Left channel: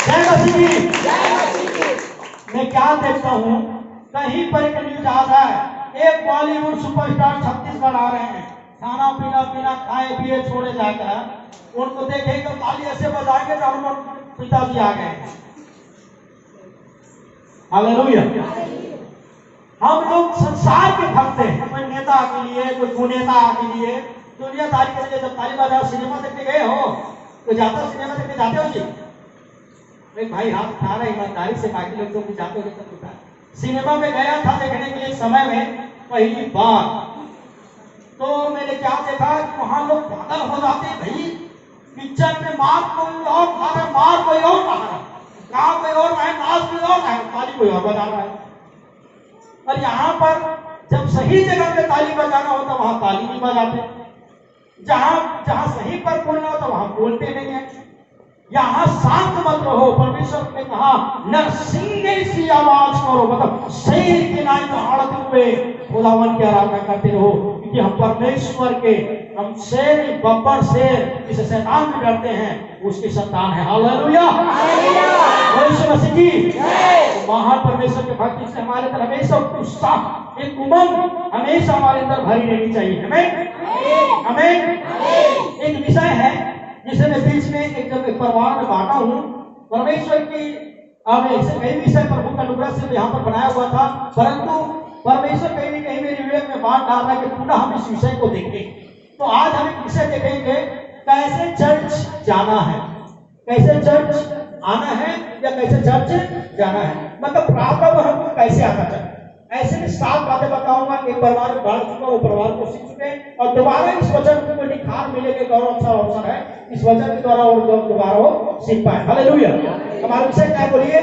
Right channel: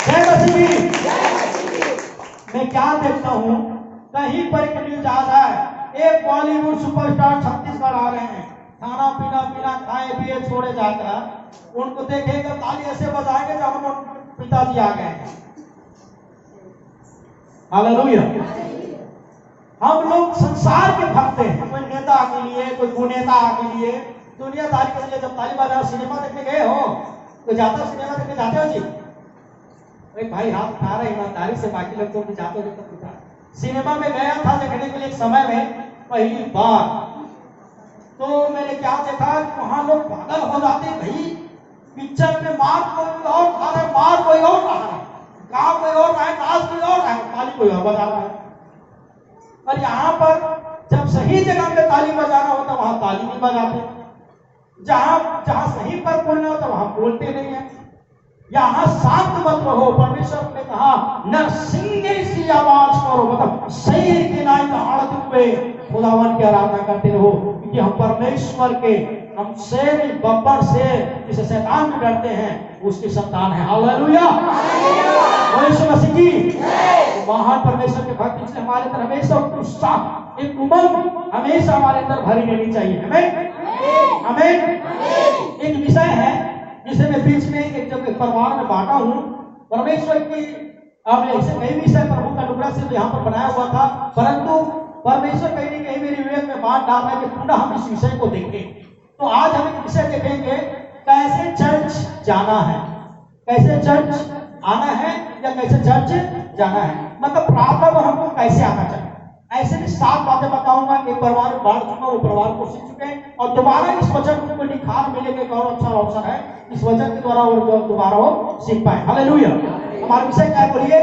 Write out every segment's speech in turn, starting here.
जय मसीह की। मैं क्या देखता हूँ, कहीं पर एक न्यूज आ रहा है, एक बॉलीवुड सुपरस्टार छत्तीसगढ़ आ रहे हैं, खाना पीना बिना खाए पिए छोड़े जाता है, उनको देखेगा ताली ऐसे बजाएंगे जब हम पिताजी आ गए। हालेलुया। हम लोग संसार के भक्त हैं, कोई नेता के लिए, कोई कुनेता के लिए, दुनियादारी के लिए। जब ताली बजाओ, सिनेमा देखने गए हो तो जाता सिनेमा देखने जाते हो जी? एक भाई हाथ उठा रहे ईमानदारी से, बाकी लोग तो जाते हो तब उठा। सिनेमा में गया था देखने के लिए समय में पहली बार, तो मैंने क्या देखा, वहां लोग पागल हो जाते भाई, पिक्चर में मार कोई और खा रहे, मार कोई और खा रहा है, गा कोई और है, नाच कोई और है, ताली कोई और बजा रहा है। और यहाँ पर जब सही जगह पे ताली बजाना होता वहां ताली नहीं बजाते, जहां सही पर बोलना होता वहां बोलते नहीं है। यहाँ शांत मत रहो, परमेश्वर ने कहा नरसिंगे सी आवाज करो, मतलब शेर की नाई में हाड़ते हुए खुदावन की आराधना करते रहो, क्योंकि हम परमेश्वर के, हम शेर, बब्बर शेर जिसे शैतान भी डरते हैं, उसकी संतान है। हालेलुया, यीशु मसीह की। महान परमेश्वर के भक्त, इसलिए हमारे अंदर हमेशा उत्साह, एक उमंग हमेशा हमारे अंदर भरी रहनी चाहिए। हमें हमें एक विषय है जिसे मैं बीच में एक जब परिवार में बांटा हूँ, परमेश्वर की कई विषय प्रभु का अनुग्रह से यहाँ पर बनाया हुआ था, परंतु परमेश्वर कहीं न कहीं मेरे विवेक में बात डाल रहा है कि पुनः हम इस विषय को देखें। तो आज हम एक विषय देखेंगे, कैसे चर्च जाना है, कैसे चर्च आना है या कैसे चर्च जाना है, मतलब प्रार्थना पर हमको कैसे आना चाहिए। ऐसे में 7 बातें बताऊंगा, एक परिवार में बांट चुका, वो परिवार को सीख चुके हैं, और दोबारा इस वचन को निखार मिलेगा, एक और अच्छा अवसर है इस वचन के द्वारा वो दोबारा वो सीख पाए। हालेलुया। हमारा विषय क्या है, बोलिए?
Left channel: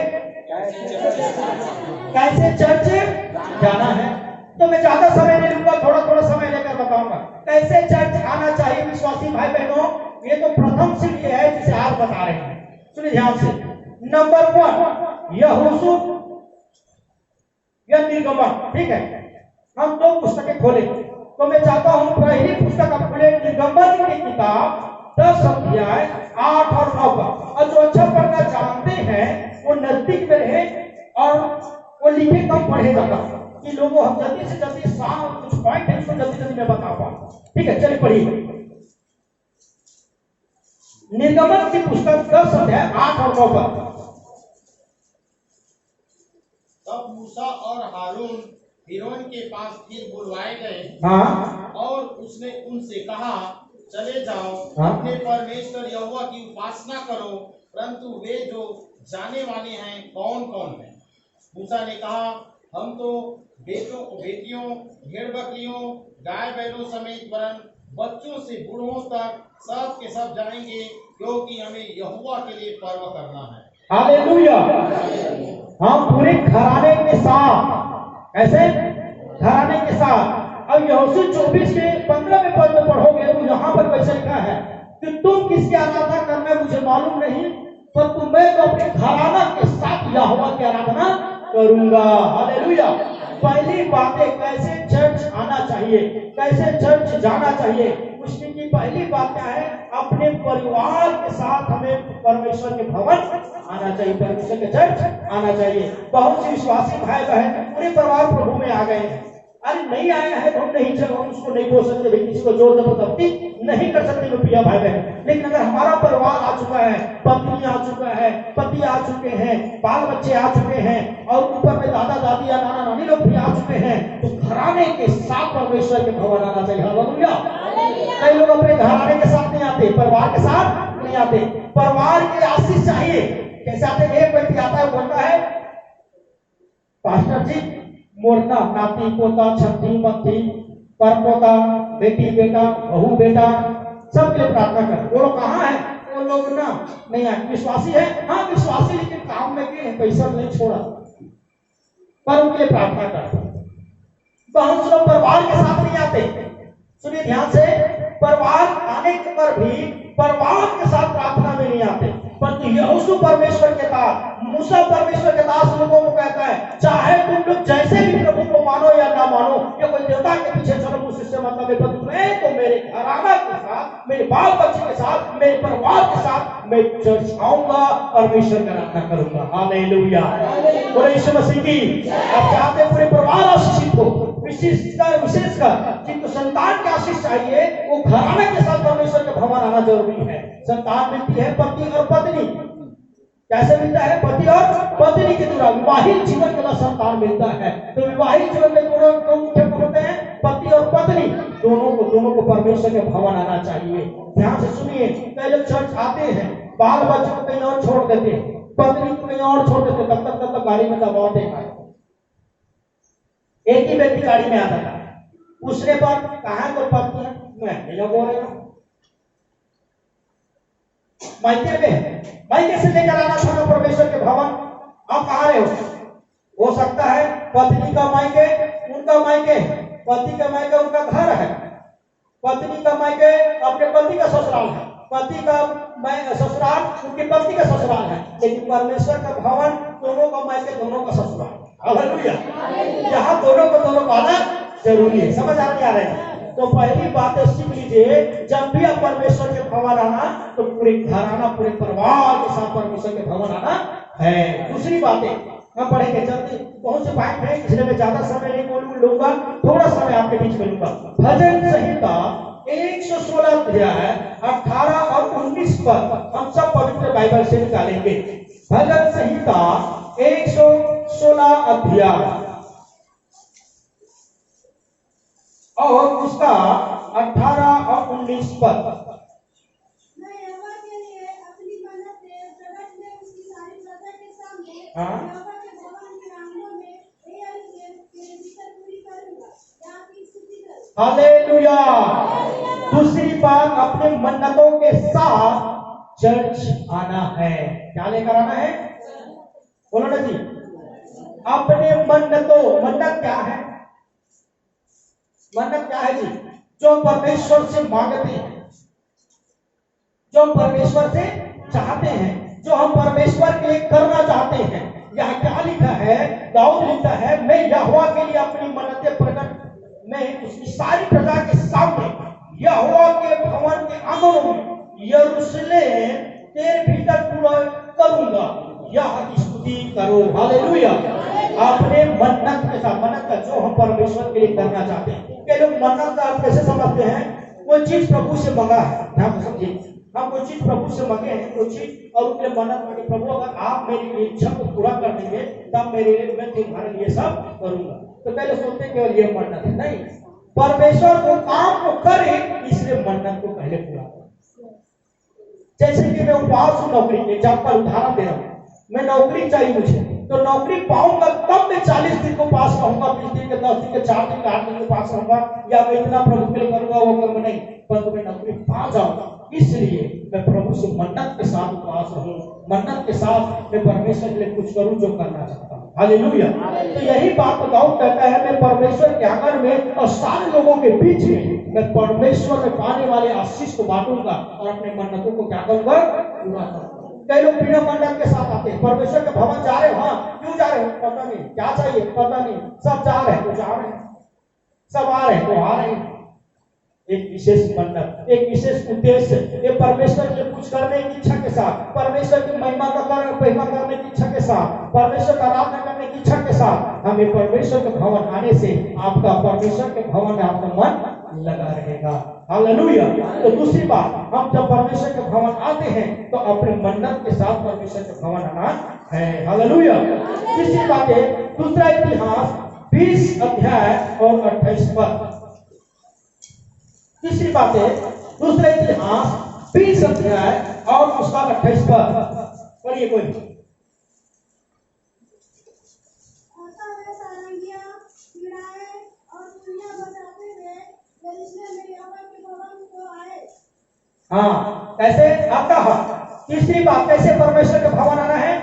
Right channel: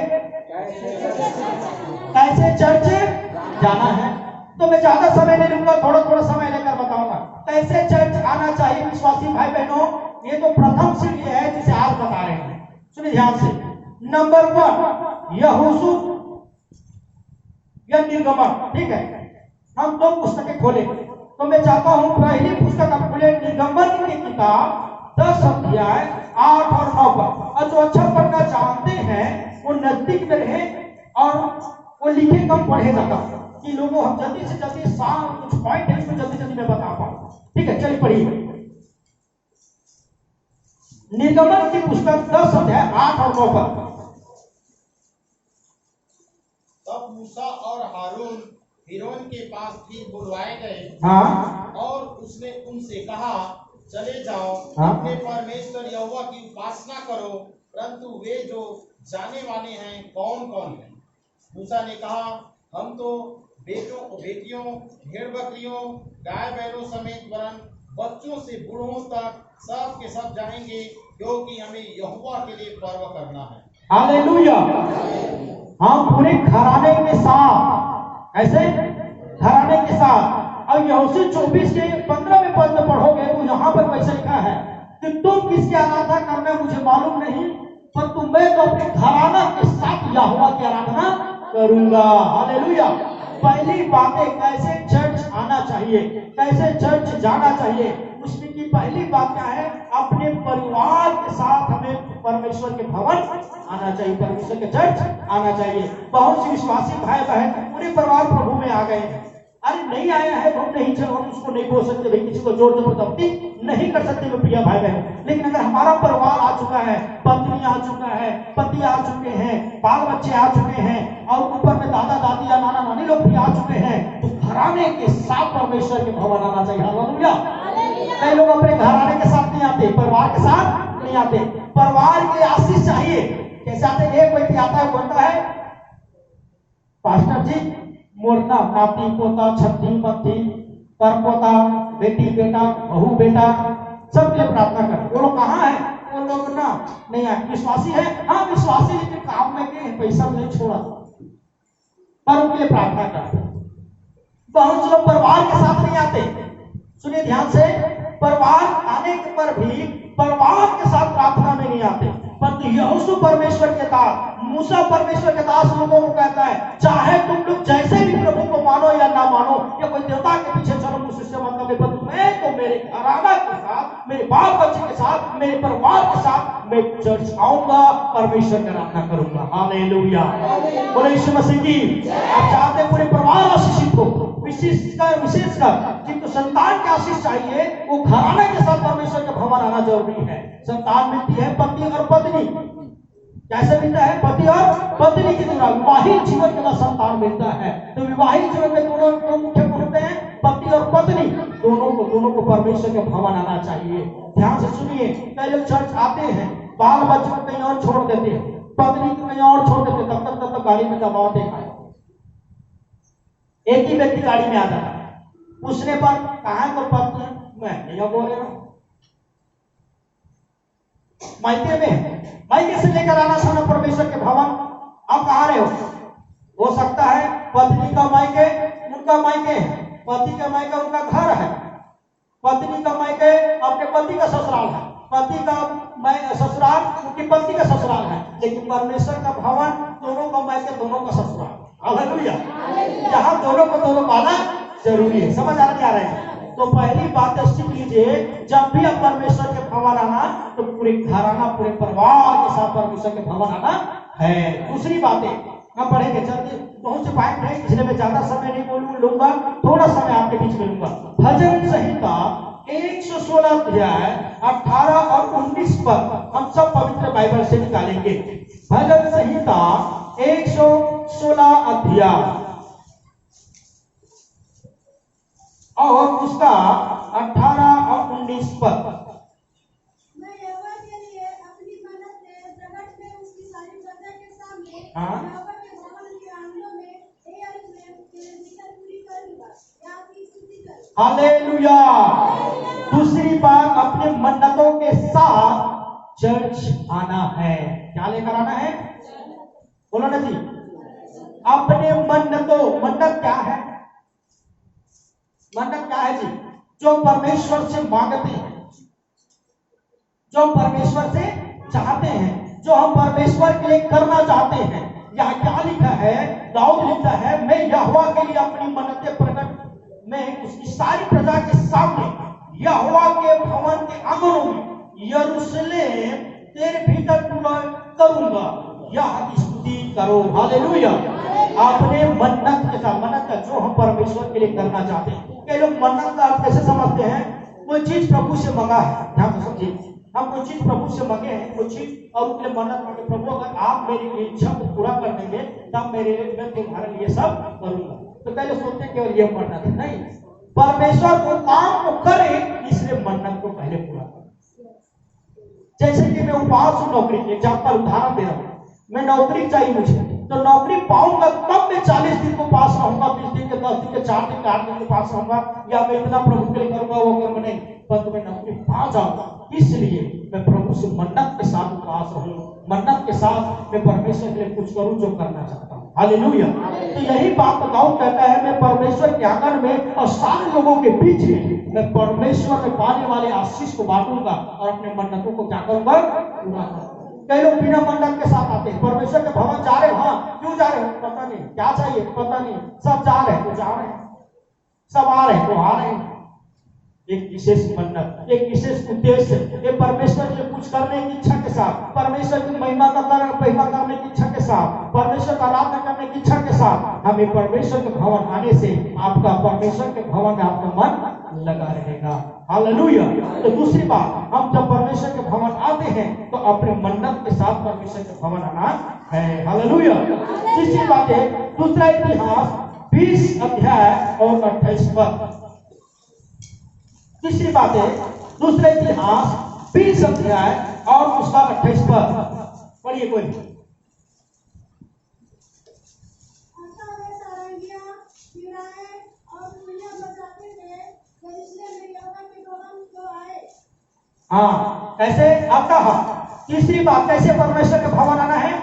कैसे चर्च जाना है। तो मैं ज्यादा समय नहीं लूंगा, थोड़ा थोड़ा समय लेकर बताऊंगा कैसे चर्च आना चाहिए। विश्वासी भाई बहनों, ये तो प्रथम सीढ़ी है जिसे आज बता रहे हैं, सुनिए ध्यान से। नंबर 1 यहोशू या निर्गमन, ठीक है। हम 2 पुस्तकें खोले, तो मैं चाहता हूं पहली पुस्तक आप खोले, निर्गमन की किताब 10 अध्याय 8 और 9 पर। और जो अच्छा पढ़ना जानते हैं वो नजदीक में रहे और वो लिखे कम पढ़े जाता कि लोगों, हम जल्दी से जल्दी कुछ पॉइंट है इसमें जल्दी जल्दी मैं बता पाऊं, ठीक है। चलिए पढ़िए निर्गमन की पुस्तक 10 अध्याय 8 और 9 पर। तब मूसा और हारून फिरौन के पास फिर बुलवाए गए, हाँ, और उसने उनसे कहा, चले जाओ, हाँ, अपने परमेश्वर यहोवा की उपासना करो, परंतु वे जो जाने वाले हैं कौन कौन हैं? मूसा ने कहा, हम तो बेटों बेटियों, भेड़ बकरियों, गाय बैलों समेत वरन बच्चों से बूढ़ों तक सब के सब जाएंगे, क्योंकि हमें यहोवा के लिए पर्व करना है। हालेलुया। हम पूरे घराने के साथ, ऐसे घराने के साथ। अब यहोशू 24 के 15वें पद में पढ़ोगे तो यहाँ पर वैसे लिखा है कि तुम किसकी आराधना करना मुझे मालूम नहीं, पर मैं तो अपने घराना के साथ यहोवा की आराधना करूंगा। हालेलुया। पहली बातें कैसे चर्च आना चाहिए, कैसे चर्च जाना चाहिए, उसमें की पहली बात क्या है, अपने परिवार के साथ हमें परमेश्वर के भवन आना चाहिए, परमेश्वर के चर्च आना चाहिए। बहुत से विश्वासी भाई बहन पूरे परिवार प्रभु में आ गए हैं, अरे नहीं आए हैं तो हम नहीं चलो, हम उसको नहीं बोल सकते भाई, किसी को जोर जबरदस्ती नहीं कर सकते मेरे प्रिय भाई बहन। लेकिन अगर हमारा परिवार आ चुका है, पत्नी आ चुका है, पति आ चुके हैं, बाल बच्चे आ चुके हैं, और ऊपर में दादा दादी या नाना नानी लोग भी आ चुके हैं, तो घराने के साथ परमेश्वर के भवन आना चाहिए। हालेलुया। कई लोग अपने घराने के साथ नहीं आते, परिवार के साथ नहीं आते, परिवार के आशीष चाहिए। कैसे आते? एक व्यक्ति आता है, बोलता है, पास्टर जी मोरना नाती पोता छठी मत्ती परपोता बेटी बेटा बहू बेटा सबके लिए प्रार्थना कर। वो लोग कहाँ है? वो लोग ना नहीं आए। विश्वासी है, हाँ विश्वासी, लेकिन काम में के पैसा नहीं छोड़ा, पर उनके लिए प्रार्थना कर। बहुत से लोग परिवार के साथ नहीं आते, सुनिए ध्यान से, परिवार आने पर भी परिवार के साथ प्रार्थना में नहीं आते, परंतु यहोशू परमेश्वर के साथ मूसा परमेश्वर के दास लोगों को कहता है, चाहे तुम लोग जैसे भी प्रभु को मानो या ना मानो, या कोई देवता के पीछे चलो, मुझसे मतलब है, पर मैं तो मेरे घराना के साथ, मेरे बाल बच्चे के साथ, मेरे परिवार के साथ मैं चर्च आऊंगा, परमेश्वर का आराधना करूंगा। हालेलुया, बोले यीशु मसीह की। आप चाहते हैं पूरे परिवार आशीषित हो, विशेषकर जिनको संतान की आशीष चाहिए, वो घराने के साथ परमेश्वर के भवन आना जरूरी है। संतान मिलती है पति और पत्नी, कैसे मिलता है? पति और पत्नी के द्वारा विवाहित जीवन के बाद संतान मिलता है। तो विवाहित जीवन में दोनों मुख्य होते हैं, पति और पत्नी, दोनों को परमेश्वर के भवन आना चाहिए। ध्यान से सुनिए, कई लोग चर्च आते हैं, बाल बच्चे को कहीं और छोड़ देते हैं, पत्नी को कहीं और छोड़ देते, तब तक गाड़ी में दबाव देखा है। एक ही व्यक्ति गाड़ी में आ जाता है, पूछने पर कहा तो पत्नी है, मैं नहीं बोल रहा हूं, मायके में, मायके से लेकर आना था ना परमेश्वर के भवन। आप कहा रहे हो सकता है पत्नी का मायके उनका मायके, पति का मायके उनका घर है, पत्नी का मायके अपने पति का ससुराल है, पति का ससुराल उनकी पत्नी का ससुराल है, लेकिन परमेश्वर का भवन दोनों का मायके दोनों का ससुराल। हालेलुया, यहाँ दोनों को दोनों पाना जरूरी है। समझ आ रही है? तो पहली बात सीख लीजिए, जब भी आप परमेश्वर के भवन आना, तो पूरे घराना, पूरे परिवार के साथ परमेश्वर के भवन आना है। दूसरी बातें हम पढ़ेंगे, जल्दी बहुत से पॉइंट है, इसलिए मैं ज्यादा समय नहीं लूंगा, थोड़ा समय आपके बीच में लूंगा। भजन संहिता 116 अध्याय 18 और 19 पर हम सब पवित्र बाइबल से निकालेंगे। भजन संहिता 116 अध्याय और उसका 18 और 19 पद। मैं यहोवा के लिए अपनी मन्नत प्रगट में उसकी सारी प्रजा के सामने यहोवा के भवन के आंगनों में यरूशलेम के भीतर पूरी करूंगा। या की स्तुति करो। हालेलुया। दूसरी बात, अपने मन्नतों के साथ चर्च आना है। क्या लेकर आना है? बोलो ना जी, अपने मन्नत क्या है? मन्नत क्या है जी? जो परमेश्वर से मांगते हैं, जो परमेश्वर से चाहते हैं, जो हम परमेश्वर के लिए करना चाहते हैं। यहाँ क्या लिखा है? दाऊद लिखता है, मैं यहोवा के लिए अपनी मन्नतें प्रकट में उसकी सारी प्रजा के सामने, यहोवा के भवन के आंगनों में, यरूशलेम तेरे भीतर पूरा करूंगा। यह की स्तुति करो। हालेलुया। अपने मन्नत के साथ, मन्नत का जो हम परमेश्वर के लिए करना चाहते हैं। कई लोग मन्नत का आप कैसे समझते हैं? कोई चीज प्रभु से मंगा है, ध्यान से समझिए, हम कोई चीज प्रभु से मंगे हैं, कोई चीज, और उसके लिए मन्नत मांगे, प्रभु अगर आप मेरी इच्छा को पूरा कर देंगे तब मैं तुम्हारे लिए सब करूंगा। तो पहले सोचते हैं केवल ये मन्नत है, नहीं, परमेश्वर को काम को करे, इसलिए मन्नत को पहले पूरा करो। जैसे कि मैं उपवास हूं नौकरी, एग्जाम्पल उदाहरण दे रहा हूं, मैं नौकरी चाहिए मुझे, तो नौकरी पाऊंगा तब मैं 40 दिन को पास रहूंगा, 20 दिन के 10 दिन के 4 दिन के 8 दिन के पास रहूंगा, या मैं इतना प्रभु के लिए करूंगा वो करूंगा, नहीं, पर मैं नौकरी पा जाऊंगा। इसलिए मैं प्रभु से मन्नत के साथ उपवास रहूं, मन्नत के साथ मैं परमेश्वर के लिए कुछ करूं जो करना चाहता हूं। हालेलुया। तो यही बात दाऊद कहता है, मैं परमेश्वर के आंगन में और सारे लोगों के बीच में मैं परमेश्वर में पाने वाले आशीष को बांटूंगा और अपने मन्नतों को क्या करूंगा? पूरा करूंगा। कई लोग बिना मन्नत के साथ आते हैं, परमेश्वर के भवन जा रहे हो, हाँ, क्यों जा रहे हो पता नहीं, क्या चाहिए पता नहीं, सब जा रहे हैं तो जा रहे हैं, सब आ रहे हैं तो आ रहे हैं। एक विशेष मन्नत, एक विशेष उद्देश्य, ये परमेश्वर के कुछ करने की इच्छा के साथ, परमेश्वर की महिमा करने की इच्छा के साथ, परमेश्वर का आराधना करने की इच्छा के साथ, हमें परमेश्वर के भवन आने से आपका परमेश्वर के भवन में आपका मन लगा रहेगा। हालेलुया। तो दूसरी बात, हम जब परमेश्वर के भवन आते हैं तो अपने मन्नत के साथ परमेश्वर के भवन आना है। हालेलुया। तीसरी बात है, दूसरा इतिहास 20 अध्याय और 28 पद। तीसरी बात है, दूसरा इतिहास 20 अध्याय और उसका 28 पद। पढ़िए कोई। हाँ, कैसे आता है? तीसरी बात, कैसे परमेश्वर का भवन आना है?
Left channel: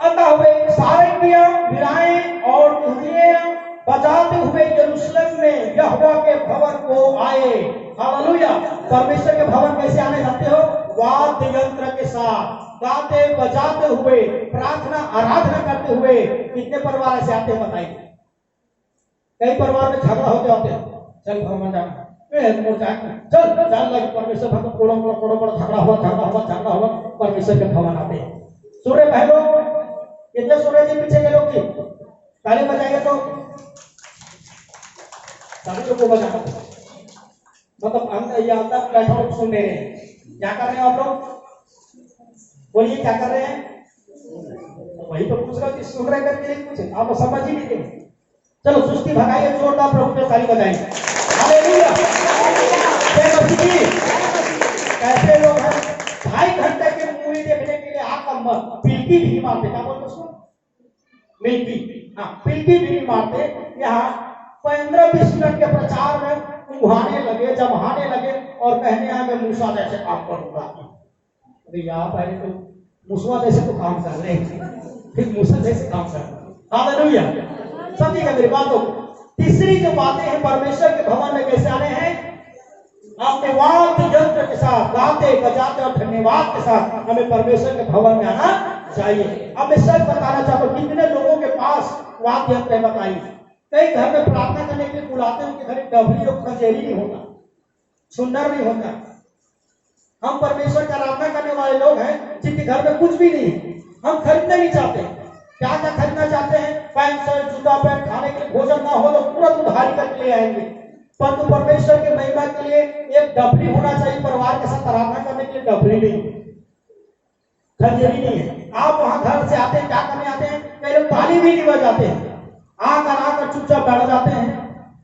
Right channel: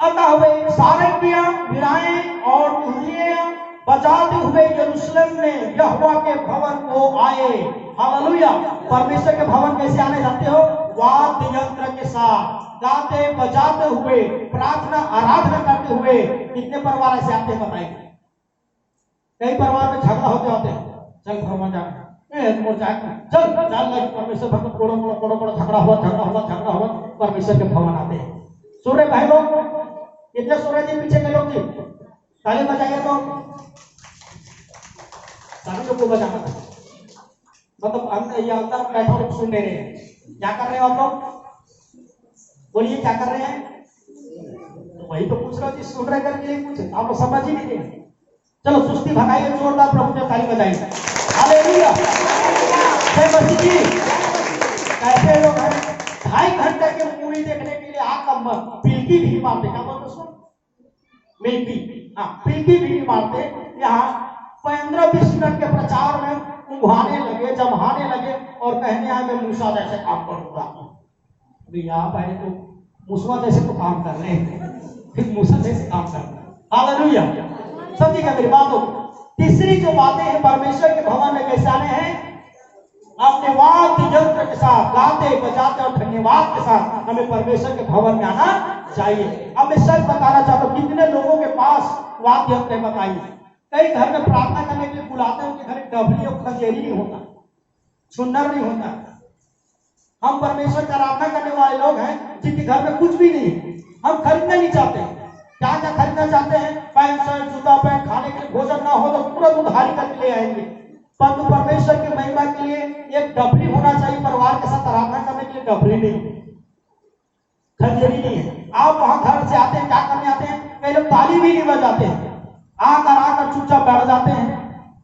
आता हुए सारंगियां, वीणाएं और धुनियां बजाते हुए यरूशलेम में यहोवा के भवन को आए। हालेलुया। परमेश्वर के भवन कैसे आने जाते हो? वाद्य यंत्र के साथ गाते बजाते हुए प्रार्थना आराधना करते हुए। कितने परिवार ऐसे आते हैं बताइए? कई परिवार में झगड़ा होते होते हैं, चल भगवान जाना चल जान लगे परमेश्वर भक्त कोड़ो झगड़ा हुआ परमेश्वर के भवन आते हैं। सूर्य भाई लोग कितने सूर्य जी पीछे के लोग जी ताली बजाइए तो सभी लोग को बजाना मतलब हम अंदर बैठे लोग सुन रहे हैं। क्या कर रहे हैं आप लोग? बोलिए क्या कर रहे हैं? तो वही तो पूछ रहा कि सुन रहे करके कुछ आप लोग समझ ही नहीं रहे। चलो सुस्ती भगाइए, जोरदार प्रभु के ताली बजाइए। हालेलुया, जय मसीह की। कैसे लोग हैं 2.5 घंटे के मूवी देखने के लिए आकर पिलकी भी मारते, क्या बोलते उसको? मिल्की, हाँ पिलकी भी मारते। यहाँ 15-20 मिनट के प्रचार में उभाने लगे, जमाने लगे और कहने आए मैं मूसा जैसे काम करूंगा। आप पहले तो मूसा जैसे तो काम कर रहे हैं, फिर मूसा जैसे काम कर रहे हैं। हालेलुया, समझिएगा मेरी बात को। तीसरी जो बातें हैं परमेश्वर के भवन में कैसे आने हैं? अपने वाद्य यंत्र के साथ गाते बजाते और धन्यवाद के साथ हमें परमेश्वर के भवन में आना चाहिए। अब मैं सच बताना चाहता हूँ, कितने लोगों के पास वाद्य यंत्र है बताइए? कई घर में प्रार्थना करने के लिए बुलाते हैं, उनके घर एक डबली और खंजेरी नहीं होता, सुंदर नहीं होता। हम परमेश्वर का आराधना करने वाले लोग हैं जिनके घर में कुछ भी नहीं, हम खरीदना नहीं चाहते। क्या क्या खरीदना चाहते हैं? पैंट शर्ट जूता पैंट, खाने के लिए भोजन ना हो तो तुरंत उधारी करके ले आएंगे। परंतु परमेश्वर के महिमा के लिए एक डबली होना चाहिए, परिवार के साथ आराधना करने के लिए डबली नहीं, खंजेरी नहीं है। आप वहां घर से आते हैं, क्या करने आते हैं? कई लोग ताली भी नहीं बजाते हैं, आकर चुपचाप बैठ जाते हैं।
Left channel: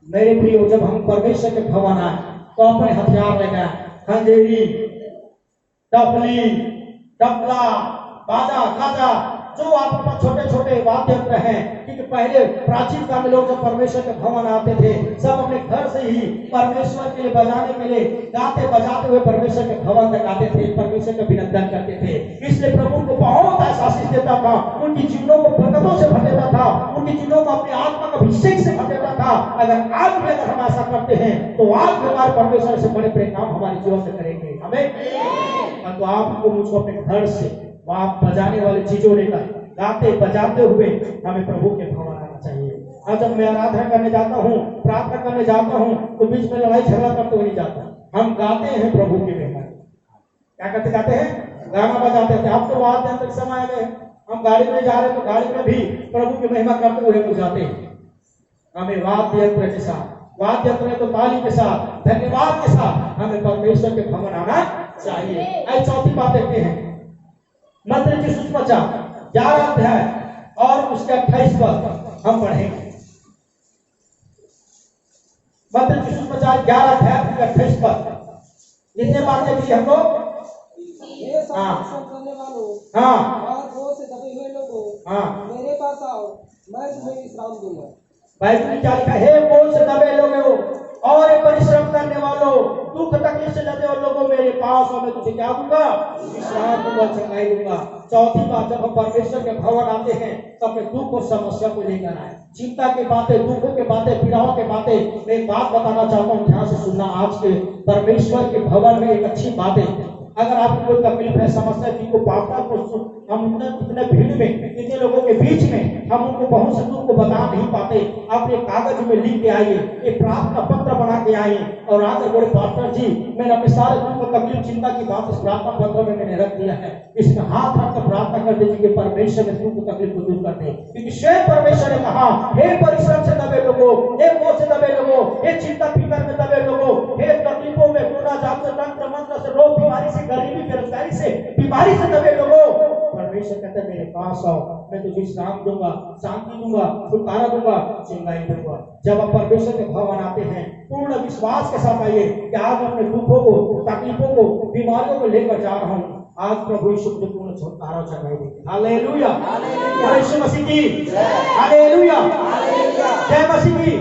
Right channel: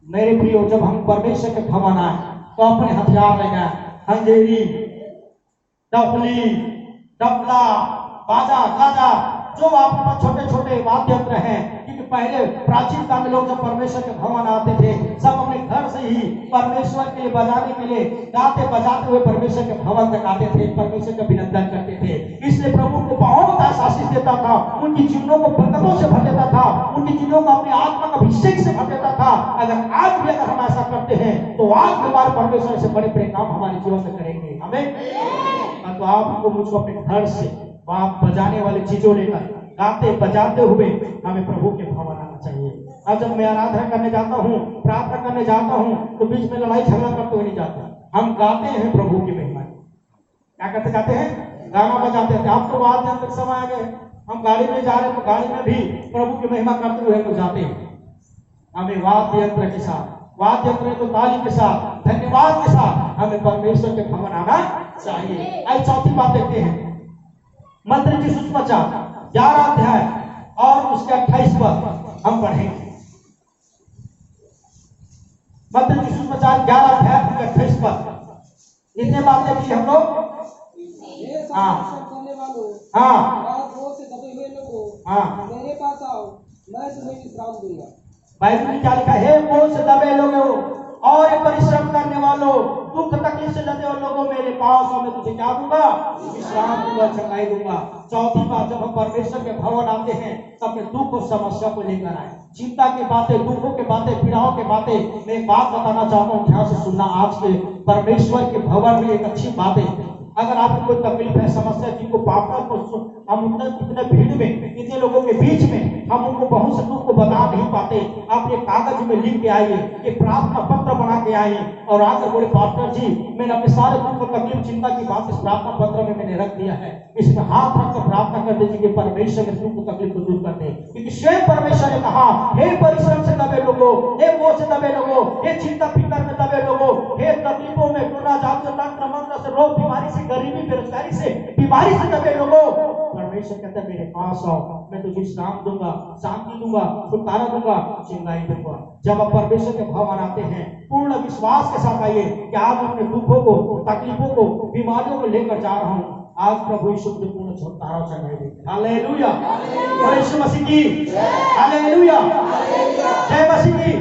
मेरे प्रियो, जब हम परमेश्वर के भवन आए तो अपने हथियार लेकर आए, खंजेरी, डफली, डफला, बाजा, गाजा, जो आपके पास छोटे छोटे वाद्य यंत्र हैं। क्योंकि पहले प्राचीन काल में लोग जब परमेश्वर के भवन आते थे, सब अपने घर से ही परमेश्वर के लिए बजाने के लिए गाते बजाते हुए परमेश्वर के भवन तक आते थे, परमेश्वर का अभिनंदन करते थे। इसलिए प्रभु को बहुत ऐसा आशीष देता था, उनकी जीवनों को बरकतों से भर देता था, उनकी जीवनों को अपने आत्मा का अभिषेक से भर देता था। अगर आज भी अगर हम ऐसा करते हैं तो आज भी हमारे परमेश्वर से बड़े बड़े काम हमारे जीवन से करेंगे। हमें तो आपको मुझको अपने घर से आप बजाने वाली चीजों लेकर गाते बजाते हुए हमें प्रभु के भवन आना चाहिए। अब जब मैं आराधना करने जाता हूँ, प्रार्थना करने जाता हूँ, तो बीच में लड़ाई झगड़ा करते हुए नहीं जाता। हम गाते हैं प्रभु की महिमा। क्या करते? गाते हैं, गाना बजाते हैं। आप तो वाद्य यंत्र के समय आ गए, हम गाड़ी में जा रहे हैं तो गाड़ी में भी प्रभु की महिमा करते हुए तो जाते हैं। हमें वाद्य यंत्र के साथ, वाद्य यंत्र तो ताली के साथ, धन्यवाद के साथ हमें परमेश्वर के भवन आना चाहिए। आज चौथी बात देखते हैं, मत्ती की सुसमाचार 11 अध्याय और उसके 28 पद हम पढ़ेंगे। मत्ती की सुसमाचार 11 अध्याय और 28 पद। इतने बातें की हम लोग। से दबे हुए लोगों, मेरे पास आओ, मैं तुम्हें विश्राम दूंगा। बाइबल में क्या लिखा है? बोझ से दबे लोगों और परिश्रम करने वालों, दुख तकलीफ से लदे हुए लोगों, मेरे पास आओ, मैं तुझे क्या दूंगा? विश्राम दूंगा, चंगाई दूंगा। चौथी बात, जब हम परमेश्वर के भवन आते हैं तो अपने दुख और समस्या को लेकर आए। चिंता की बातें, दुखों की बातें, पीड़ाओं की बातें। मैं एक बात बताना चाहता हूँ, ध्यान से सुनना। आज के परमेश्वर के भवन में एक अच्छी बात है। अगर आपको कोई तकलीफ है, समस्या की, को पापना को हम इतने भीड़ में, इतने लोगों के बीच में हम उनको बहुत से दुख को बता नहीं पाते। आप एक कागज में लिख के आइए, एक प्रार्थना पत्र बना के आइए और आकर बोले पास्टर जी, मैंने अपने सारे दुख और तकलीफ चिंता की बात इस प्रार्थना पत्र में मैंने रख दिया है। इसमें हाथ रखकर प्रार्थना कर दीजिए कि परमेश्वर में दुख और तकलीफ को दूर कर दे। क्योंकि स्वयं परमेश्वर ने कहा, हे परिश्रम से दबे लोगों, हे बोझ से दबे लोगों, हे चिंता फिकर में दबे लोगों, हे तकलीफों में, कोरोना जादू तंत्र मंत्र से, रोग बीमारी से, गरीबी बेरोजगारी से, बीमारी से दबे लोगों, परमेश्वर कहते हैं मेरे पास आओ, मैं तुझे विश्राम दूंगा, शांति दूंगा, छुटकारा दूंगा, चंगाई दूंगा। जब आप परमेश्वर के भवन आते हैं, पूर्ण विश्वास के साथ आइए कि आज मैं अपने दुखों को, तकलीफों को, बीमारियों को लेकर जा रहा हूँ। आज प्रभु यीशु मुझे पूर्ण छुटकारा और चंगाई देंगे। हालेलुया, और यीशु मसीह की हालेलुया, जय मसीह की।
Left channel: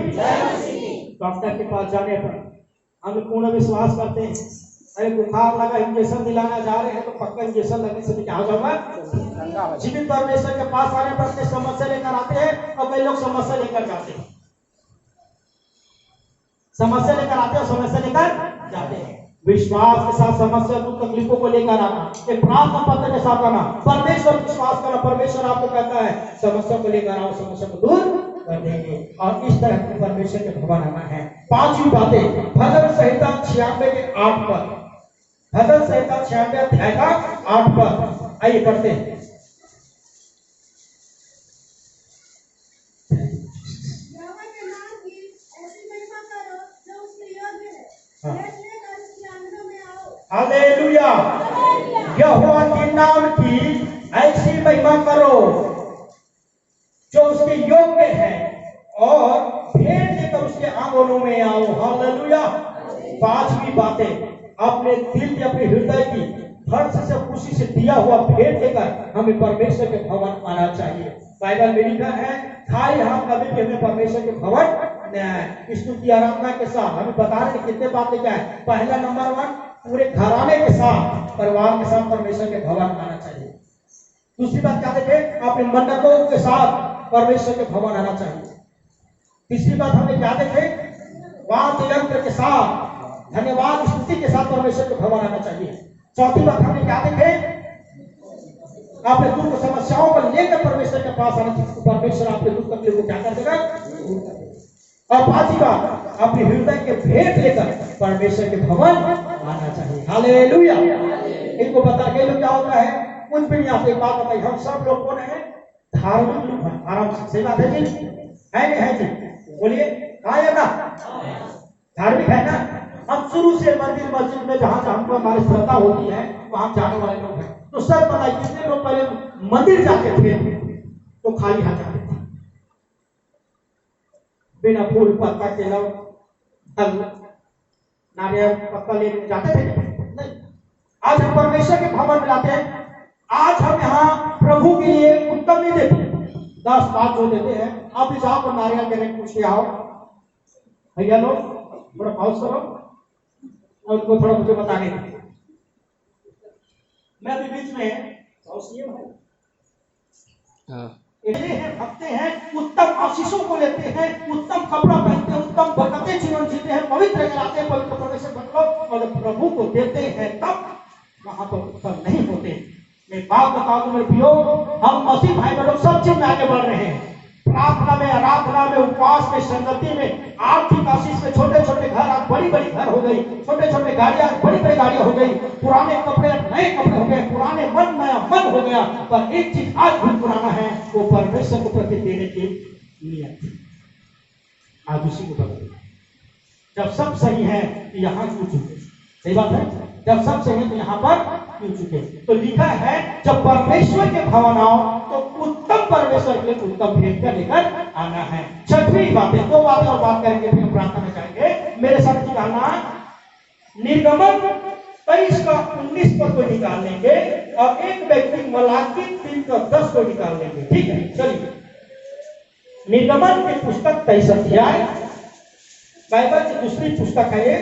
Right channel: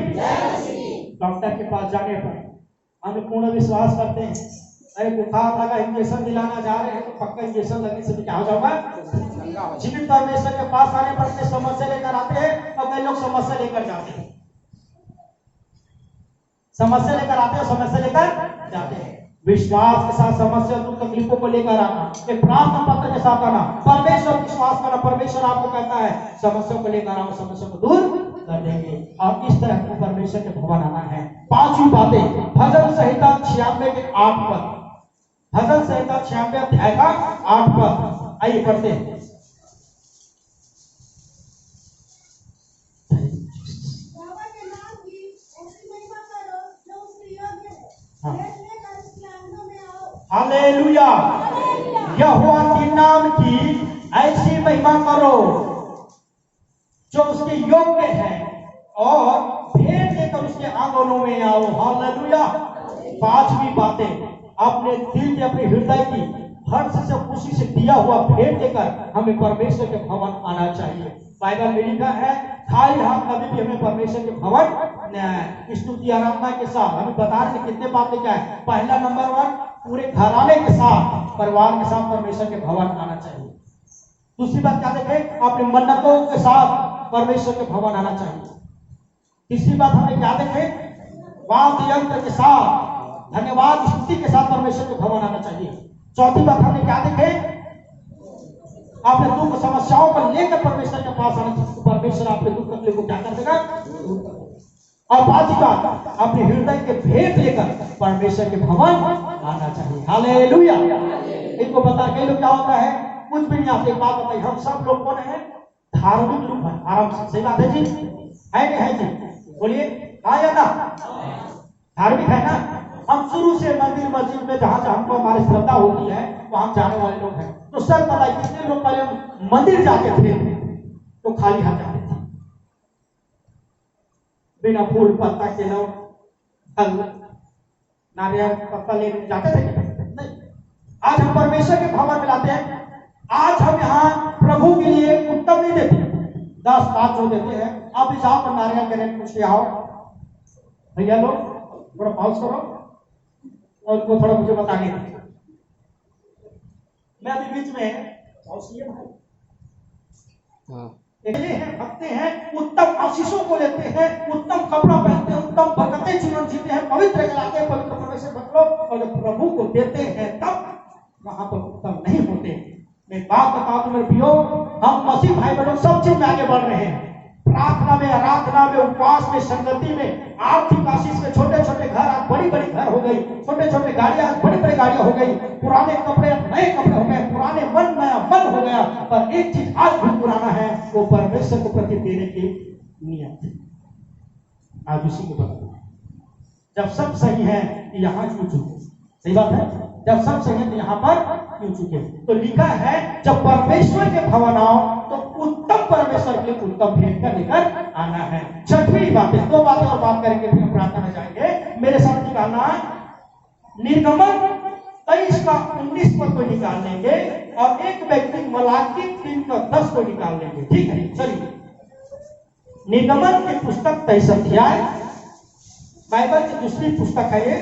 डॉक्टर के पास जाने पर हम पूर्ण विश्वास करते हैं, अरे बुखार लगा, इंजेक्शन दिलाना जा रहे हैं तो पक्का इंजेक्शन लगने से क्या हो जाऊंगा? जीवित परमेश्वर के पास आने पर अपनी समस्या लेकर आते हैं और कई लोग समस्या लेकर जाते हैं, समस्या लेकर आते हैं, समस्या लेकर जाते हैं। विश्वास के साथ समस्या दुख तकलीफों को लेकर आना, एक प्रार्थना पत्र के साथ आना, परमेश्वर विश्वास करना, परमेश्वर आपको कहता है समस्या को लेकर आओ, समस्या को दूर कर देंगे। और इस तरह को परमेश्वर के भवन आना है। पांचवी बातें भजन संहिता 96 के 8 पद, भजन संहिता 96 अध्याय का 8 पद, आइए पढ़ते हैं। यहोवा के नाम की ऐसी महिमा करो जो उसके योग्य है। हाँ। भेंट लेकर उसके आंगनों में आओ। हालेलुया। यहोवा के नाम की ऐसी महिमा करो जो उसके योग्य है और भेंट लेकर उसके आंगनों में आओ। हालेलुया। पांचवी बातें अपने दिल की, अपने हृदय की हर्ष से, खुशी से दिया हुआ भेंट लेकर हमें परमेश्वर के भवन आना चाहिए। बाइबल में लिखा है खाली हाथ कभी भी हमें परमेश्वर के भवन स्तुति आराधना के साथ, हमें बता रहे कितने बातें क्या है। पहला नंबर 1, पूरे घराने के साथ, परिवार के साथ परमेश्वर के भवन आना चाहिए। दूसरी बात क्या देखे, अपने मन्नतों के साथ परमेश्वर के भवन आना चाहिए। तीसरी बात हमें क्या देखे, वाद्य यंत्र के साथ, धन्यवाद स्तुति के साथ परमेश्वर के भवन आना चाहिए। चौथी बात हमें क्या देखे, अपने दुख समस्याओं को लेकर परमेश्वर के पास आना चाहिए। परमेश्वर आपके दुख तकलीफ को क्या कर देगा, दूर कर देगा। और पांचवी बात अपने हृदय के भेंट लेकर परमेश्वर के भवन आना चाहिए। हालेलुया। इनको बता के लोग क्या होता है, कुछ भी नहीं आते। एक बात बताइए, हम सब लोग कौन है, धार्मिक लोग हैं। आराम से, सही बात है जी, है नहीं है जी, बोलिए हाँ या ना, धार्मिक है ना। हम शुरू से मंदिर मस्जिद में जहां जहां हमको हमारी श्रद्धा होती है वहां जाने वाले लोग हैं। तो सर बताइए कितने लोग पहले मंदिर जाते थे तो खाली हाथ जाते थे, बिना फूल पत्ता के फल नारियल पत्ता लेकर जाते थे नहीं। आज हम परमेश्वर के भवन में लाते हैं। आज हम यहाँ प्रभु के लिए उत्तम नहीं देते, 10-5 जो देते हैं। आप इस जाओ पर नारियल देने पूछ के आओ, भैया लोग थोड़ा पॉज करो और उनको थोड़ा मुझे बताने दो। मैं अभी बीच में भक्ते हैं, उत्तम आशीषों को लेते हैं, उत्तम कपड़ा पहनते हैं, उत्तम बरकतें जीवन जीते हैं, पवित्र कराते हैं, पवित्र परमेश्वर भक्त लोग, और जब प्रभु को देते हैं तब वहां पर उत्तम नहीं होते। मैं बात बता दूं मेरे प्रियो, हम मसीह भाई बहनों सब चीज में आगे बढ़ रहे हैं। प्रार्थना में, आराधना में, उपवास में, संगति में, आर्थिक आशीष में, छोटे छोटे घर आज बड़ी बड़ी घर हो गई, छोटे छोटे गाड़ियां बड़ी बड़ी गाड़ियां हो गई, पुराने कपड़े नए कपड़े हो गए, पुराने मन नया मन हो गया। पर एक चीज आज भी पुराना है, वो परमेश्वर को प्रति देने की नियत आज उसी को बदल। जब सब सही है यहाँ क्यों चुके, सही बात है, जब सब सही है तो यहाँ पर क्यों चुके। तो लिखा है जब परमेश्वर के भवन आओ तो उत्तम परमेश्वर के उत्तम भेंट कर लेकर आना है। छठवीं बातें, 2 बातें और बात करेंगे फिर हम प्रार्थना में जाएंगे। मेरे साथ निकालना निर्गमन 23 का 19 पद को निकाल लेंगे और एक व्यक्ति मलाकी 3 का 10 को निकाल लेंगे। ठीक है, चलिए निर्गमन की पुस्तक 23 अध्याय, बाइबल की दूसरी पुस्तक है ये,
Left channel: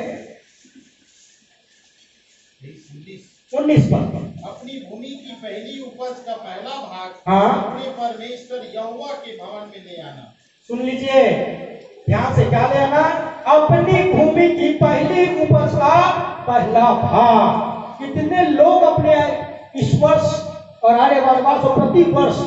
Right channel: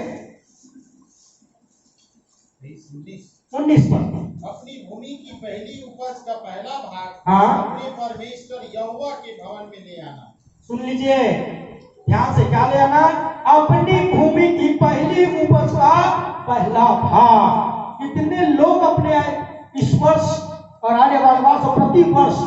19 पद। अपनी भूमि की पहली उपज का पहला भाग हाँ। अपने परमेश्वर यहोवा के भवन में ले आना। सुन लीजिए ध्यान से, क्या ले आना, अपनी भूमि की पहली उपज का पहला भाग। कितने लोग अपने इस वर्ष और आने वाले वर्ष और प्रति वर्ष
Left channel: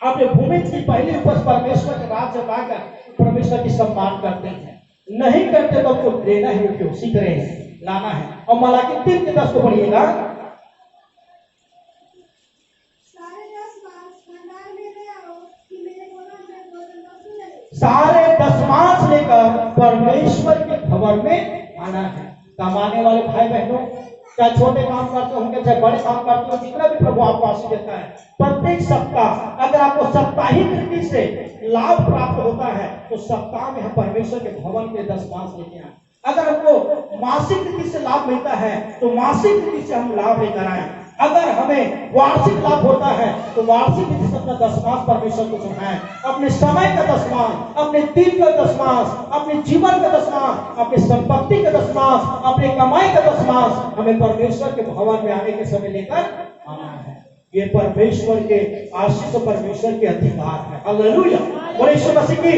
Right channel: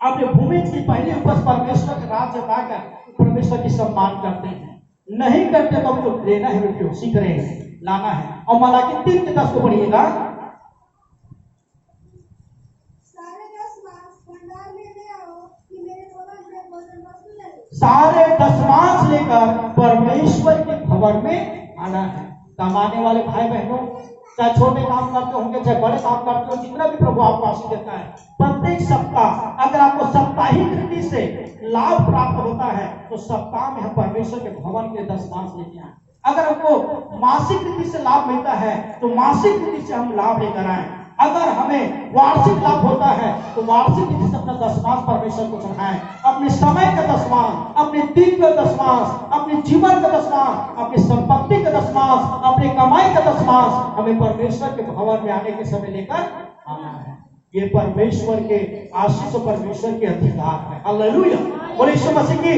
अपने भूमि की पहली उपज परमेश्वर के राज्य लाकर परमेश्वर की सम्मान करते हैं? नहीं करते तो हमको लेना है, क्यों सीख रहे हैं, लाना है। और मलाकी 3 के 10 को पढ़िएगा। सारे 10 मास भंडार में ले आओ कि मेरे भवन में भोजन वस्तु रहे। सारे 10 मास लेकर परमेश्वर के भवन में आना है। कमाने वाले भाई बहनों, चाहे छोटे काम करते होंगे चाहे बड़े काम करते हो, जितना भी प्रभु आपको आशीष देता है, प्रत्येक सप्ताह अगर आपको साप्ताहिक रीति से लाभ प्राप्त होता है तो सप्ताह में हम परमेश्वर के भवन के 10 मास लेके आए। अगर हमको मासिक रीति से लाभ मिलता है तो मासिक रीति से हम लाभ लेकर आए। अगर हमें वार्षिक लाभ होता है तो वार्षिक रीति से अपना 10 मास परमेश्वर को चढ़ाएं। अपने समय का 10 मास, अपने दिन का 10 मास, अपने जीवन का 10 मास, अपनी संपत्ति का 10 मास, अपनी कमाई का 10 मास हमें परमेश्वर के भवन में आने के समय लेकर आना है। ये परमेश्वर के आशीष, परमेश्वर के अधिकार है। हालेलुया, बोले यीशु मसीह की।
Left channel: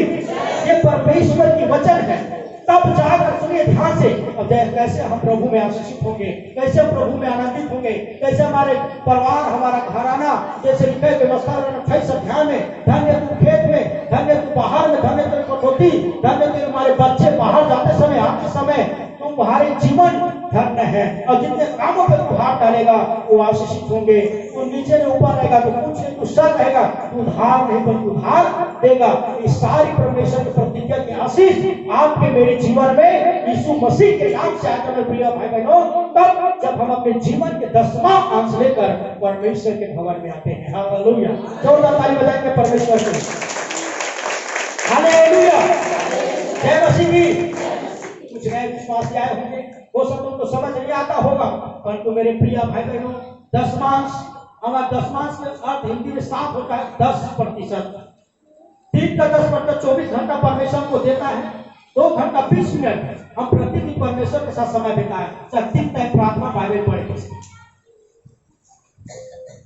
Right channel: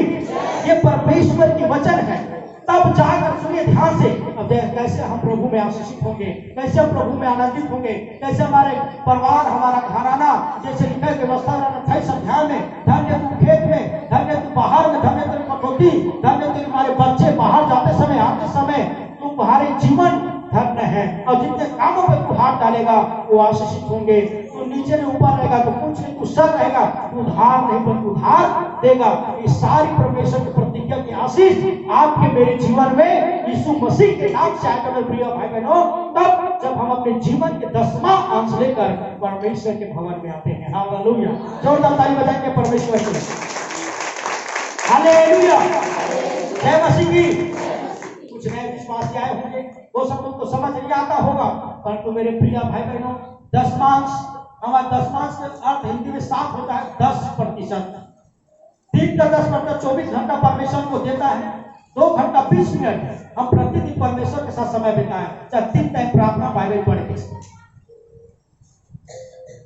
ये परमेश्वर की वचन है। तब जाकर सुनिए ध्यान से, अब कैसे हम प्रभु में आशीषित होंगे, कैसे हम प्रभु में आनंदित होंगे, कैसे हमारे परिवार, हमारा घराना, जैसे लिखा है व्यवस्था 28 अध्याय में, धन्य तू खेत में, धन्य तू बाहर में, धन्य तेरे कटौती, धन्य तेरे हमारे बच्चे बाहर जाते समय आते समय, तुम्हारे जीवन धन्य है। और जितने कामों पे तू हाथ डालेगा वो आशीषित होंगे। तू नीचे में ऊपर रहेगा तो कुछ नहीं, तू सर रहेगा, तू उधार नहीं पर उधार देगा। इस सारी परमेश्वर की प्रतिज्ञा की आशीष आपके मेरे जीवन में यीशु मसीह के नाम से आकर प्रिय भाई बहनों, तब जब हम अपने जीवन के 10वां अंश लेकर परमेश्वर के भवन में आते हैं। हालेलुया, जोरदार ताली बजाएंगे परमेश्वर के। हालेलुया, जय मसीह की। कुछ नए विश्वासी आए होंगे, वो सब तुमको समझ नहीं आता होगा, परंतु मेरे प्रिय भाई बहनों, दशमांश, हमारा दशमांश का अर्थ हिंदी में 7 होता है, 10%। दिन का 10% 24 घंटा परमेश्वर को देता है। 2 घंटा 20 मिनट हम प्रतिदिन परमेश्वर के साथ समय बिताएं, चाहे 3 टाइम प्रार्थना बाइबल पढ़ के।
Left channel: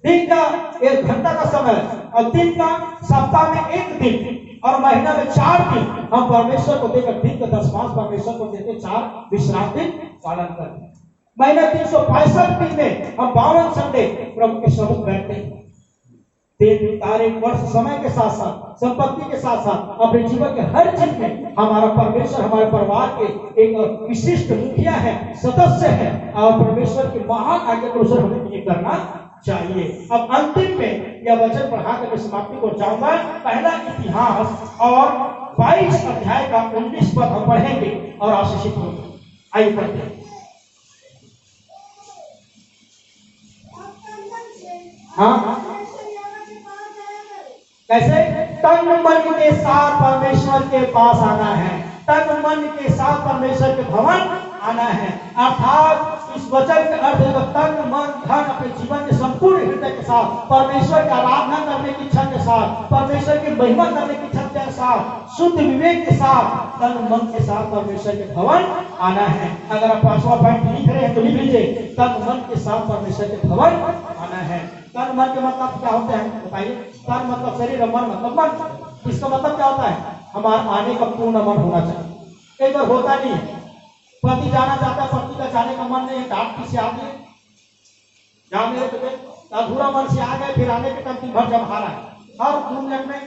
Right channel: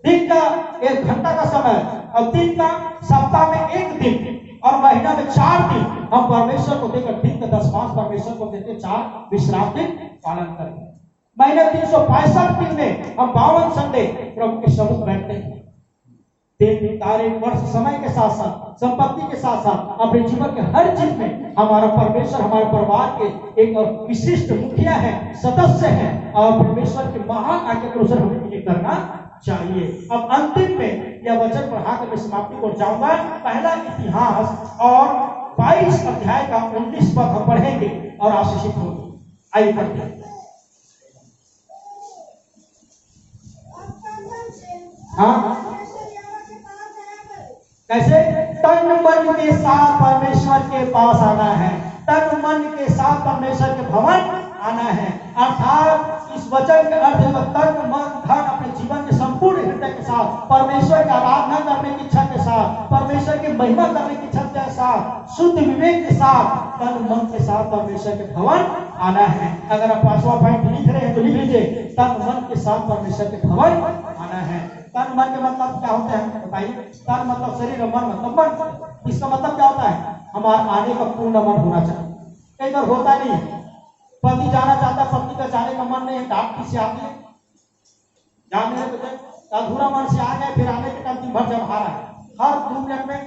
दिन का 1 घंटा का समय, और दिन का सप्ताह में 1 दिन, और महीना में 4 दिन हम परमेश्वर को देकर, दिन का 10वां परमेश्वर को देते, 4 विश्राम दिन पालन करते। महीने 365 दिन में हम 52 संडे प्रभु के समुख बैठते हैं। दिन तारीख वर्ष समय के साथ साथ, संपत्ति के साथ साथ, अपने जीवन के हर चीज में हमारा परमेश्वर हमारे परिवार के एक विशिष्ट मुखिया है, सदस्य है, और परमेश्वर के महान आज्ञा के अनुसार हमें ये करना चाहिए। अब अंतिम में यह वचन पढ़ाकर मैं समाप्ति को जाऊंगा। पहला इतिहास और 22 अध्याय का 19 पद हम पढ़ेंगे और आशीषित होंगे। आइए पढ़ते हैं। हाँ, कैसे? तन मन के साथ परमेश्वर के पास आना है, तन मन के साथ परमेश्वर के भवन आना है। अर्थात इस वचन का अर्थ है तन मन धन अपने जीवन के संपूर्ण हृदय के साथ परमेश्वर की आराधना करने की इच्छा के साथ, परमेश्वर की महिमा करने की इच्छा के साथ, शुद्ध विवेक के साथ, तन मन के साथ परमेश्वर के भवन आना है। अगर आप 5वां पॉइंट लिख रहे हैं तो लिख लीजिए, तन मन के साथ परमेश्वर के भवन आना है। तन मन के मतलब क्या होते हैं बताइए? तन मतलब शरीर, मन मतलब मन। इसका मतलब क्या होता है? हमारा आने का पूर्ण मन होना चाहिए। कई बार होता नहीं है, पति जाना चाहता, पति का जाने का मन नहीं, डांट किसी आगे जाने तो अधूरा मन से आ गए, फिर आने के टाइम दिन भर जब हारा है, हर 2 मिनट में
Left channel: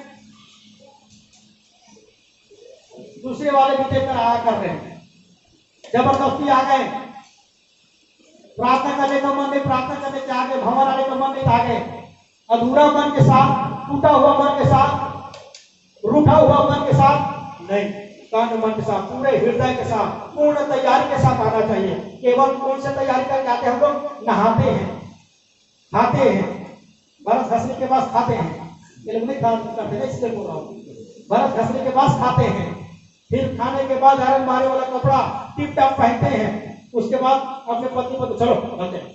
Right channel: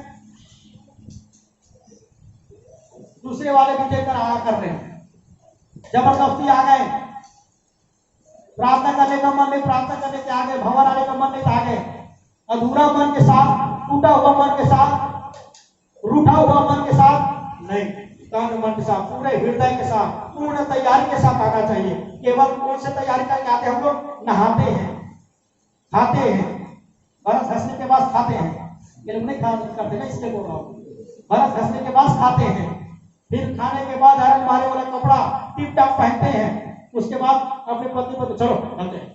दूसरे वाले भी देकर आया कर रहे हैं, जबरदस्ती आ गए, प्रार्थना करने का मन नहीं, प्रार्थना करने के आगे, भवन आने का मन नहीं, आगे अधूरा मन के साथ, टूटा हुआ मन के साथ, रूठा हुआ मन के साथ नहीं, तन मन के साथ, पूरे हृदय के साथ, पूर्ण तैयारी के साथ आना चाहिए। केवल कौन से तैयारी करके आते हैं? हम लोग नहाते हैं, खाते हैं, बरस घसने के बाद खाते हैं, ये लोग नहीं करते ना, इसलिए बोल रहा हूँ। बरस घसने के बाद खाते हैं, फिर खाने के बाद आयरन मारे वाला कपड़ा टिप टॉप पहनते हैं, उसके बाद अपने पति को तो चलो चलते हैं।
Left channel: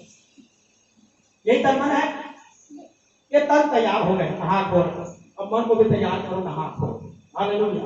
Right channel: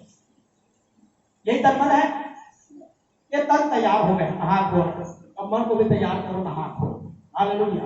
यही तन मन है। ये तन तैयार हो गए, नहा धो, अब मन को भी तैयार करो, नहा धो। हालेलुया।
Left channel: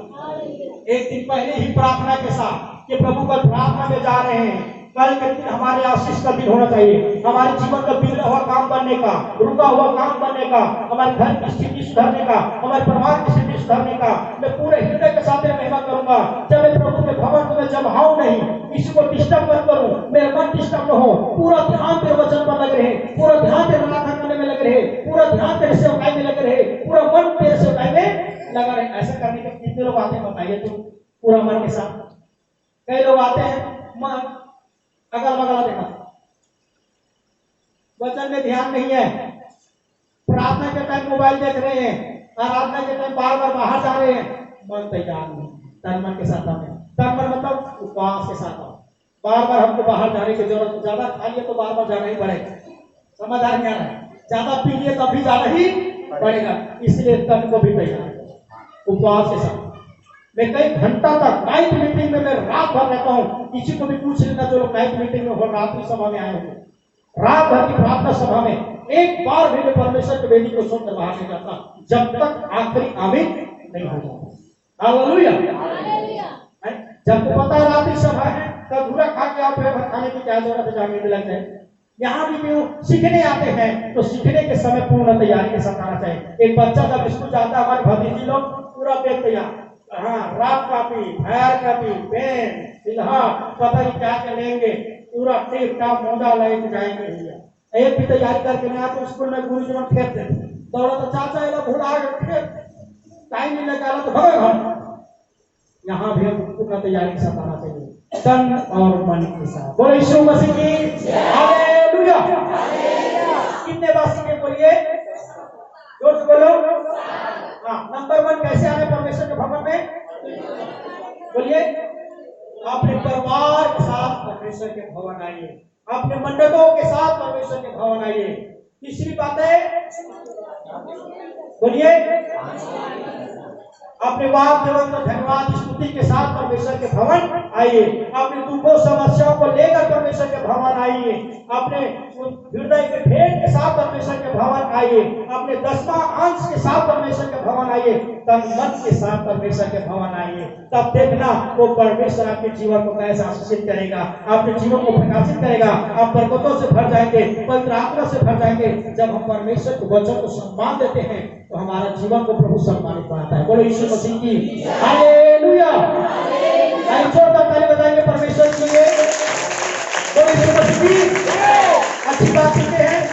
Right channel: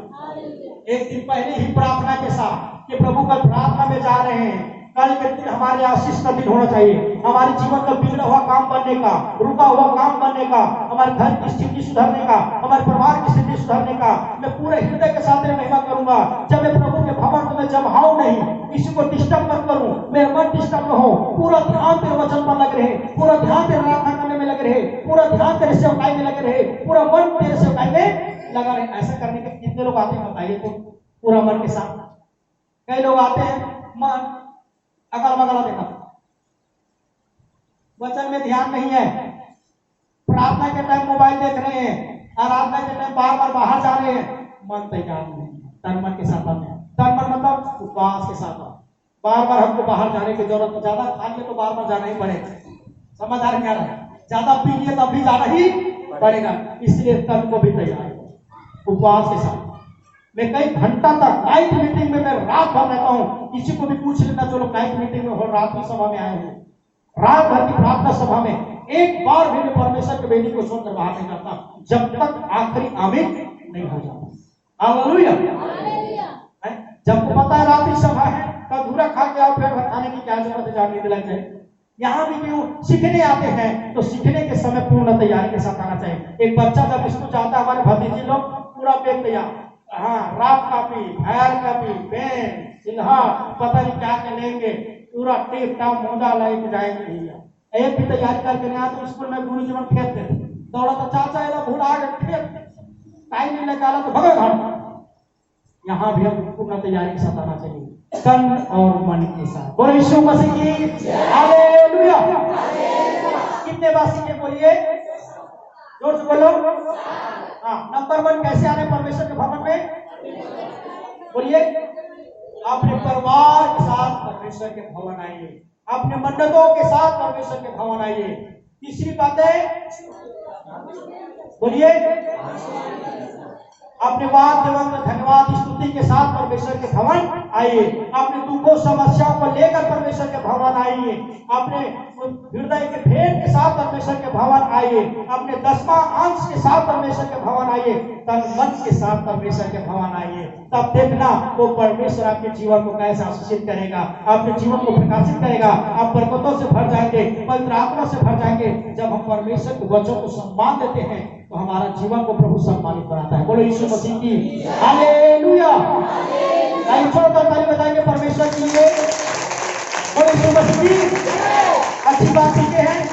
एक दिन पहले ही प्रार्थना के साथ कि प्रभु कल प्रार्थना में जा रहे हैं, कल के दिन हमारे आशीष का दिन होना चाहिए, हमारे जीवन का बिगड़ा हुआ काम बनने का, रुका हुआ काम बनने का, हमारे घर की स्थिति सुधारने का, हमारे परिवार की स्थिति सुधारने का, मैं पूरे हृदय के साथ महिमा करूंगा। जब मैं प्रभु के भवन में जब आऊं नहीं, किसी को डिस्टर्ब मत करूं, मेरा मन डिस्टर्ब न हो, पूरा ध्यान तेरे वचन पर लग रहे, पूरा ध्यान तेरे प्रार्थना करने में लग रहे, पूरा ध्यान तेरे सेवकाई में लग रहे, पूरा मन तेरे सेवकाई में लगा रहे। ऐसा करने के कितने लोग आते हैं बताइए तो? पूरा मन के साथ। कई लोग आते हैं मन अगल बगल देखा, वचन में ध्यान नहीं है, प्रार्थना के टाइम मोबाइल देख रहे हैं, आराधना के टाइम बार बार बाहर जा रहे हैं, मन तैयार नहीं। तन मन के साथ आते हैं, तन मन मतलब उपवास के साथ आओ। बार बार हमको बाहर जाने की जरूरत, ज्यादा खा लिए तो बार बार जाना ही पड़ेगा, समझ आ रहा है? ज्यादा पी लिए तो अभी जाना ही पड़ेगा, इसलिए तन को भी तैयार उपवास के साथ। मैं कई घंटा तक नाइट मीटिंग में मैं रात भर रहता हूँ, किसी को भी पूछ लेना जो लोग नाइट मीटिंग में और रात्रि सभा में आए होंगे, रात भर की प्रार्थना सभा में एक बार भी मैं परमेश्वर के बेटी को सुनकर बाहर नहीं जाता जब तक आखिरी आमीन नहीं हो जाता। हालेलुया। जब को पता रात्रि सभा है तो अधूरा खा के आओ, फिर खाने की क्या जरूरत है, जाने लग जाए। यहाँ भी जो सीखने आते हैं तो सीखने के समय पूर्ण तैयारी के साथ आना चाहिए। एक बच्चा जब स्कूल जाता है, हमारे भतीजी लोग पूरा बैग तैयार, हाँ rough copy, fair copy, pen, सिल्हा, पता नहीं क्या क्या लेंगे, पूरा टेप टाप मोजा लेके जाएंगे भैया। एक भी तैयारी करके नहीं आया तो स्कूल में गुरु जी में फेंक देते, दौड़ा तो चाचा इधर भूला के फेंक, टाइम नहीं लगा तो भगे घर। यहाँ भी हम पूर्ण तैयारी के साथ आना चाहिए, तन और मन के साथ। बोलो यीशु मसीह की हालेलुया। कितने बार सीखे बोलिए, जोर से बोलो। हाँ, नंबर 1 कैसे आने परमेश्वर के भवन में? बोलिए, अपने परिवार के साथ परमेश्वर के भवन आइए, अपने मंडलों के साथ परमेश्वर के भवन आइए। तीसरी बात है, बोलिए, अपने वाद विवाद धन्यवाद स्तुति के साथ परमेश्वर के भवन आइए। अपने दुखों समस्याओं को लेकर परमेश्वर के भवन आइए। अपने हृदय के भेद के साथ परमेश्वर के भवन आइए। अपने 10वां अंश के साथ परमेश्वर के भवन आइए। तन मन के साथ परमेश्वर के भवन आइए। तब देखना वो परमेश्वर आपके जीवन को कैसे आशीषित करेगा, आपके जीवन को प्रकाशित करेगा। आप बरकतों से भर जाएंगे, पवित्र आत्मा से भर जाएंगे। जब हम परमेश्वर के वचन को सम्मान देते हैं तो हमारा जीवन को प्रभु सम्मानित बनाता है। बोलो यीशु मसीह की हालेलुया। छोड़कर ताली बजाएंगे परमेश्वर के लिए। बोलो यीशु मसीह की। अच्छी बात सीखे हैं,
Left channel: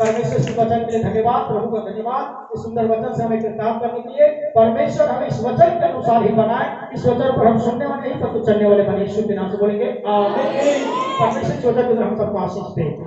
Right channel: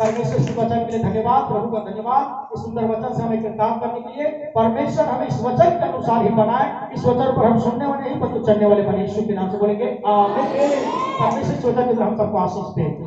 परमेश्वर के वचन के लिए धन्यवाद, प्रभु का धन्यवाद। इस सुंदर वचन से हमें काम करने के लिए परमेश्वर हमें इस वचन के अनुसार ही बनाए। इस वचन पर हम सुनने वाले नहीं परंतु चलने वाले बने। यीशु के नाम से बोलेंगे आमीन। परमेश्वर के वचन के हम सबको आशीष दें।